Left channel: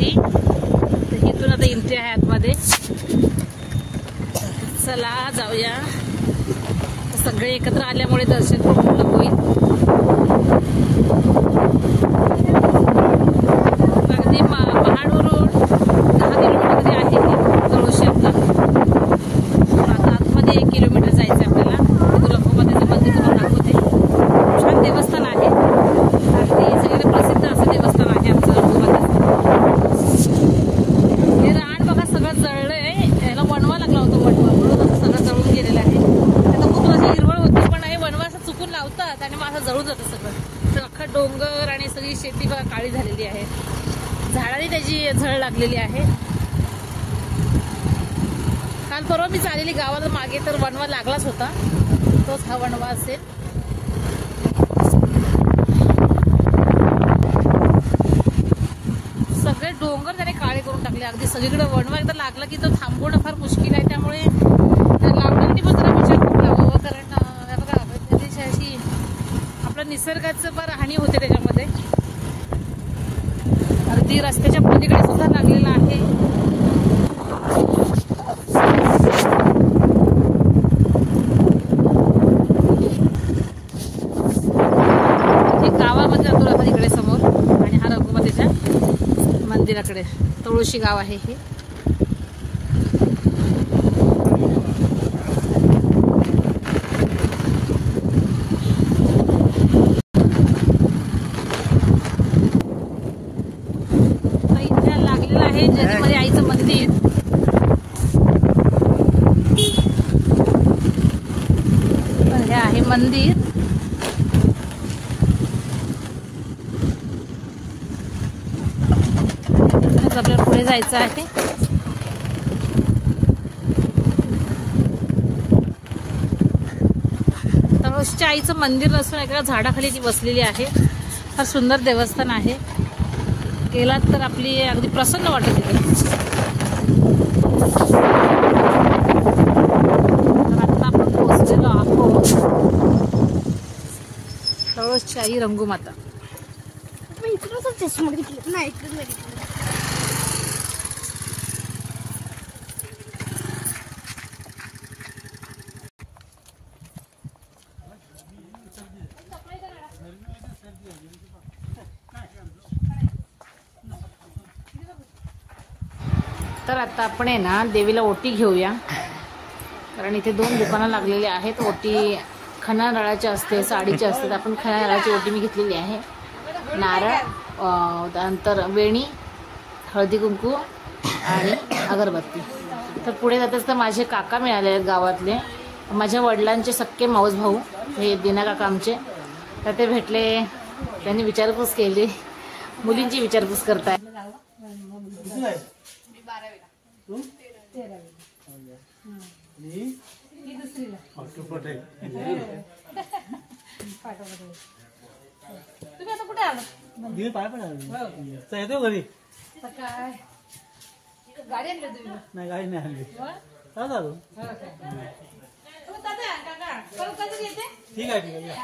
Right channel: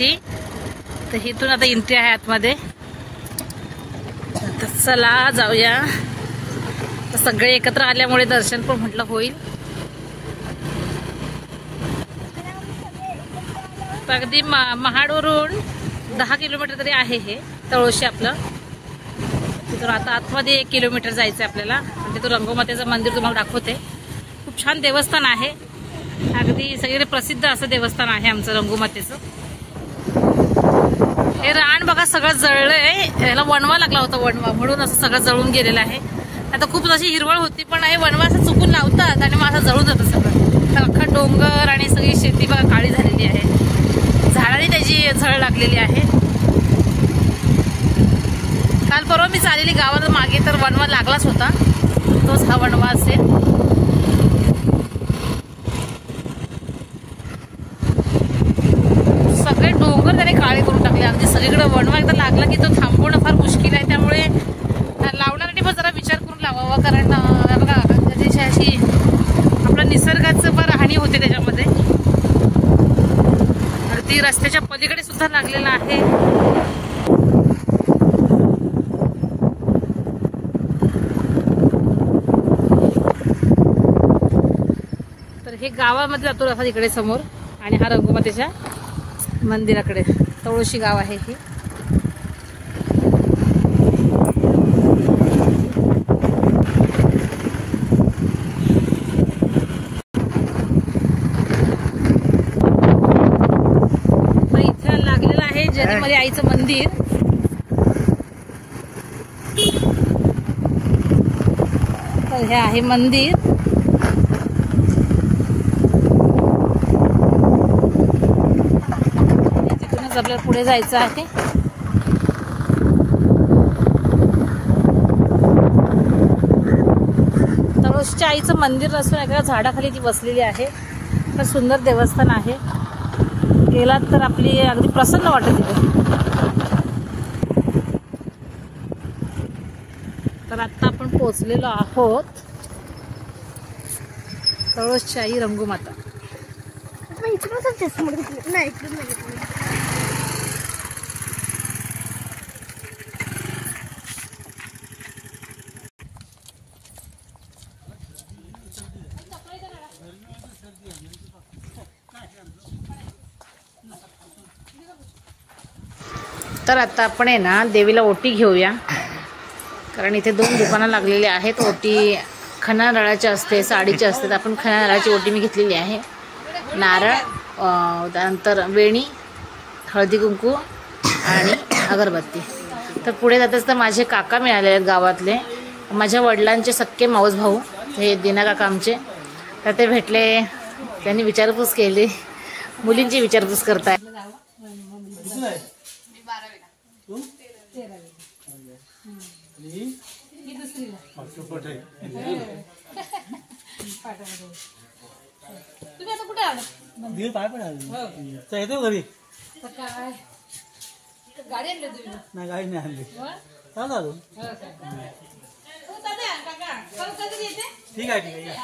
दर्शनासाठी। तर इथून आता एंट्री आहे आतमध्ये, तर चला जाऊया। तर सगळे एकत्र आल्यामुळे दर्शन पण म्हटलं होईल। अगदी महाडवरून 10 किलोमीटर तरी आहे हे तळोशी आपलं। तर आता आतमध्ये 1 किलोमीटर जायचं आहे आपल्याला। तिथून रंगोमातेचं मंदिर तुम्हाला दाखवते। छान देवस्थान आहे, अगदी सगळे प्रसिद्ध असं देवस्थान आहे आमचं रंगोमातेचं। हे रान बघा सगळं जळलंय, याला वणवा लागला होता, वणवा म्हणून असं सगळं जळून गेलेलं आहे। आता खूप अशी हिरवळ होती, पण हे वणवा असं चुकून लावतात आणि मग असं जळून जातं सगळं। तर अख्खा डोंगर आणि सगळी शेती बघा काळी झालेली आहे, झाडांनी त्याची झळ लागलेली आहे। काल परवा मी चाललेली गावात मागे, तर वणवा लागलाच होता, तोच हा वणवा असेल। सगळे डोंगर त्याने काळे करून टाकले, अगदी सगळीकडे वणवा एकदा लागला की तो थांबवणं फार मुश्किल आहे। त्यामुळे लावण्यासाठी पण जरा विचार करून लावावा, कारण बघा त्याची अशी आपल्या निसर्गाचं फार हानी होते त्याच्यामध्ये। अगदी रस्त्याच्या पलीकडे सुद्धा लागलेला आहे। हे गावामध्ये जातो आता इकडे समोर, आणि हा रंगोमातेच्या मंदिराकडे, तळोशी गाव आहे हे। इथे लागलेलं आहे जरीमध्ये आईचं मंदिर। हे आहे मंदिर। तिथूनच आपल्याला पुढे जायचं आहे। तळोशीच्या आईचं मंदिर नसून एका झाडाखाली ती बसलेली आहे। फार सुंदर देवस्थान आहे, गेलात तर आपली अगदी प्रसन्न वाटत तिथे। तर आता आपण पोहोचलेलो आहोत तळोशी आई रंगोमाता। तर आता आपण आहे ना देवीला ओटी घेऊया, कारण इथे 2 दुकानं लागलेली आहेत। ओटी खणा नारळाची असते, साडीची असते। तर आपण खणा नारळाची ओटी मी घेतलेली आहे। नारळ, त्यानंतर वेणी, हळदी कुंकू आणि अगरबत्ती। तर पुढे जाताच तर माझे काका मिळाले आहेत गावातले, माझ्या वडिलांचे सक्के मावस भाऊ, हे दिना काका आमचे। तर ते भेटले, त्यांनी विचारपूस केली, मुलींची विचारपूस करताय। तुम्ही आता कुठे आलात? घरी काय गाडी आणली तुम्ही? नाही, गाडी नाही आणली। ठीक आहे।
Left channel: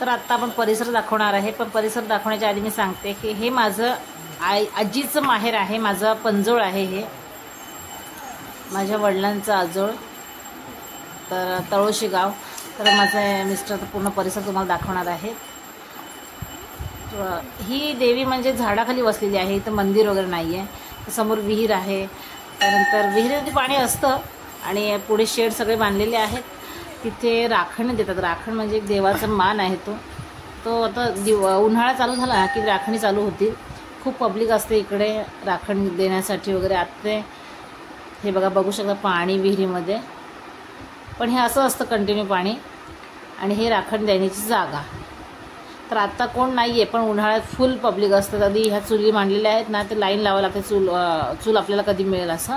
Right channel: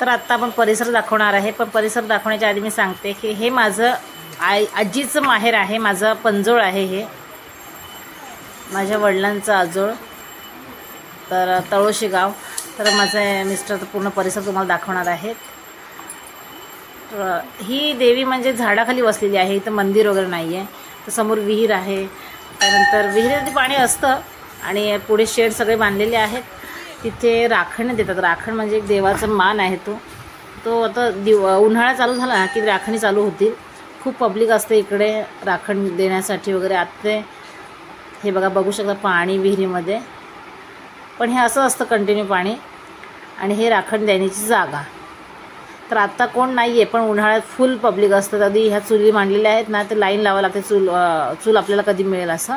तर आता आपण परिसर दाखवणार आहे, पण परिसर दाखवण्याच्या आधी मी सांगते की हे माझं आजीचं माहेर आहे, माझं पंजोळ आहे, हे माझ्या वडिलांचं आजोळ, तर तळोशी गाव। तर माझे मिस्टर तर पूर्ण परिसर तुम्हाला दाखवणार आहेत। ही देवी म्हणजे झाडाखाली बसलेली आहे, इथं मंदिर वगैरे नाही आहे। तर समोर विहीर आहे, त्यानंतर विहिरीमध्ये पाणी असतं आणि पुढे शेड सगळे बांधलेले आहेत। तिथे राखण देतात, राखण म्हणजे एक देवाचा मान आहे तो आता उन्हाळा चालू झाला की राखणी चालू होतील। खूप पब्लिक असते इकडे राखण देण्यासाठी वगैरे। आता हे बघा, बघू शकता पाणी विहिरीमध्ये, पण हे असं असतं कंटिन्यू पाणी, आणि हे राखण देण्याची जागा। तर आता कोण नाही आहे, पण उन्हाळ्यात फुल पब्लिक असतं। कधी ह्या चुली मांडलेल्या आहेत ना, तर लाईन लावावं लागते चूल आपल्याला कधी मिळेल असं।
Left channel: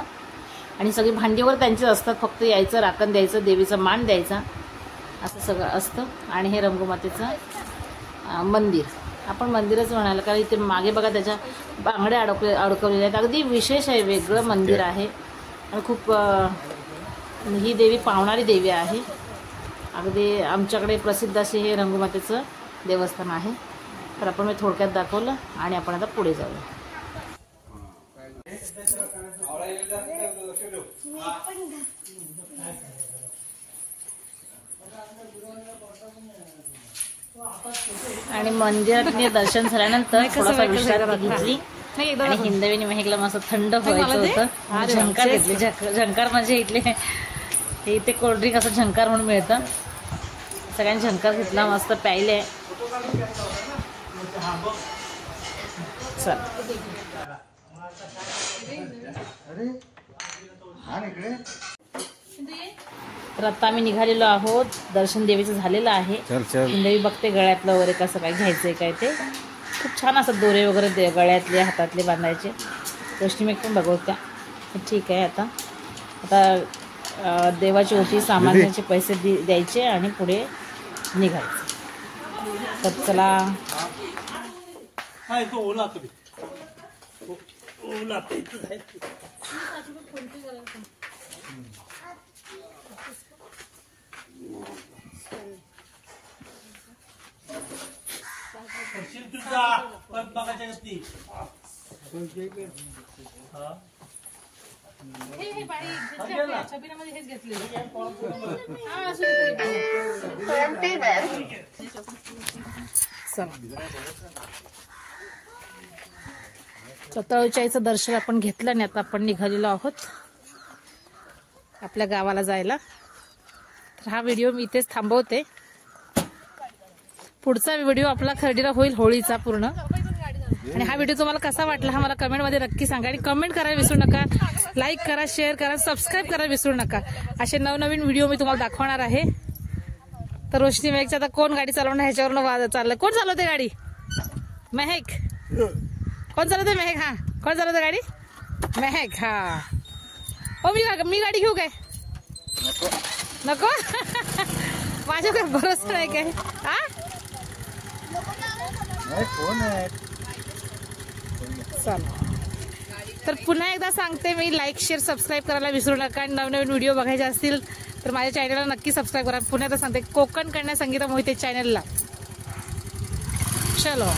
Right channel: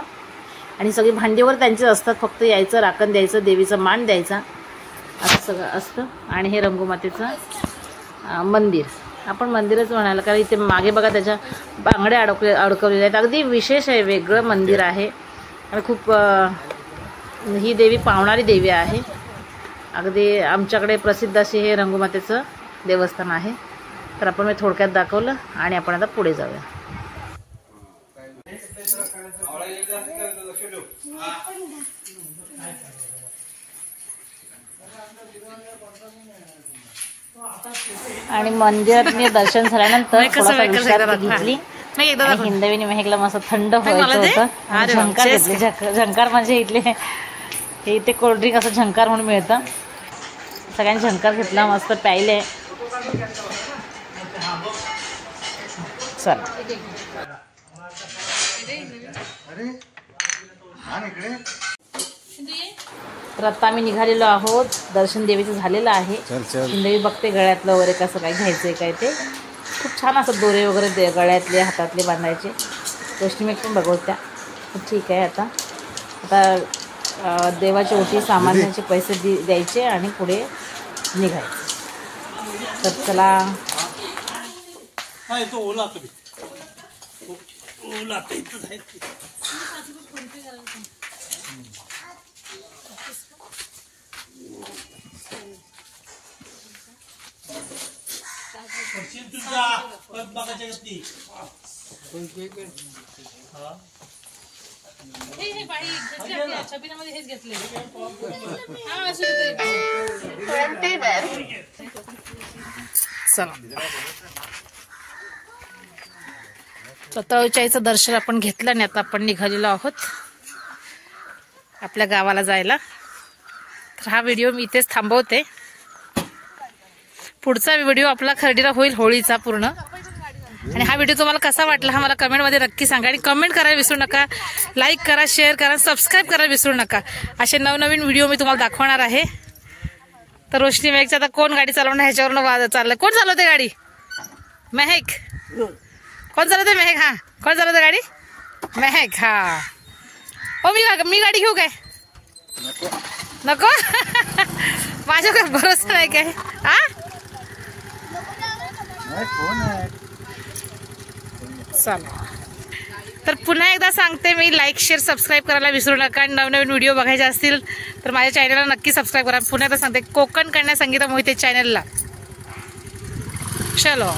आणि सगळी भांडीवर त्यांचे असतात, फक्त यायचं, राखण द्यायचं, देवीचा मान द्यायचा, असं सगळं असतं। आणि हे रंगोमातेचं मंदिर, आपण मंदिरच म्हणायला, कारण इथे मागे बघा त्याच्या बांगड्या अडकवलेल्या आहेत। अगदी विशेष आहे, वेगळं मंदिर आहे आणि खूप ही देवी पावणारी देवी आहे। अगदी आमच्याकडे प्रसिद्ध असे हे रंगोमातेचं देवस्थान आहे। तर आपण मी थोडक्यात दाखवलं आणि आपण आता पुढे जाऊया. आणि मंदिरात मी दर्शन झाल्यानंतर थोडासा विश्रांती घेतली आणि हिंदवीने मेहकला मस्त थंड व्हायचं होतं. झंकार घेतले. झंकार म्हणजे इथले हे इथे कोल्ड्रिंक असं झंकार म्हणून मिळतं. सगळ्यांनी झंकार घेतला, मस्त प्यायले. चल तर आता आम्ही निघालेलो आहोत. दर्शन देवीचं झालेलं आहे. हिंदवी बघते गळ्यातलं वगैरे कसं काय घ्यायचंय काय ते. खूप छान असं दोरे वगैरे गळ्यातले हातातले बांधायचे. गोष्टी पण बघवत्या. ठीक आहे. आता देवाची ओटी सामान्याचे पैसे द्यायचे आणि पुढे निघायचं. तर चला. तळोजाईचं दर्शन आपण घेतलं आणि आता आपण निघालेलो आहोत आपल्या गावाला जायला. तर हा व्हिडिओ मी इथेच थांबवते. पुढचा व्हिडिओ आपला खर्डीला होईल होळीचा पूर्ण. आणि हा व्हिडिओ तुम्हाला कसा वाटला हा मला कमेंटमध्ये नक्की सांगा. आणि कमेंट करायला विसरू नका. लाईक करा, शेअर करा, सबस्क्राईब करायला विसरू नका. असे नवनवीन व्हिडिओ मी तुम्हाला दाखवणार आहे. तर रोशनी मेहकचं आता कोण गाडी चालवणार ह्याच्यावरून चाललंय. कोण चालवते गाडी? मेहक. कोण चालवते? मेहक. हा, कोण चालवते गाडी? मेहक. हा. हो, मी गाडी घेऊ काय? नको. माझ्याकडे भरोसा नाही काय? हा, चल. तर पुन्हा एकदा सांगते मी, लाईक शेअर सबस्क्राईब करायला विसरू नका. आणि नवनवीन व्हिडिओ बघायचे असतील तर माझ्या चॅनलला नक्की सबस्क्राईब करा. पुन्हा एकदा सांगते, कोकण कन्या संगीता मोहिते चॅनलला. चलो.